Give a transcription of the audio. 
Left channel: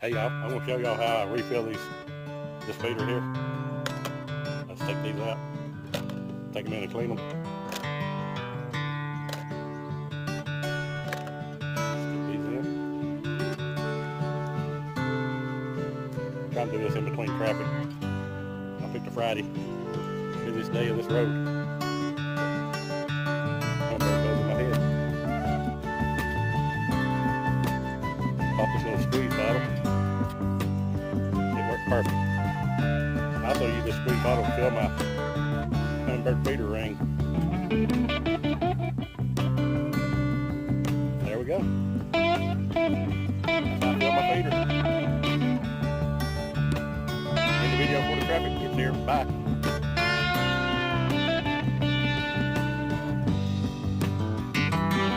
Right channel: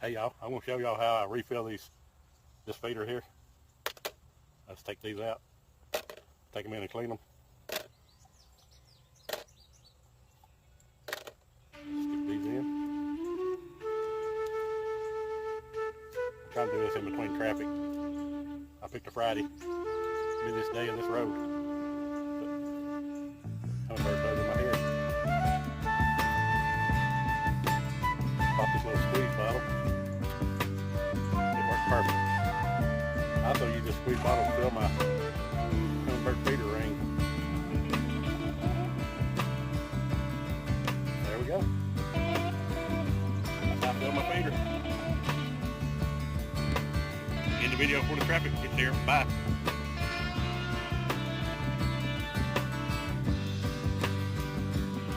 Hey y'all, I'm going to show y'all how I refill this feeder here. Let's take these out, take them in and clean them. Stick these in. Try to do this in between traffic. I picked a Friday, do this day on this road.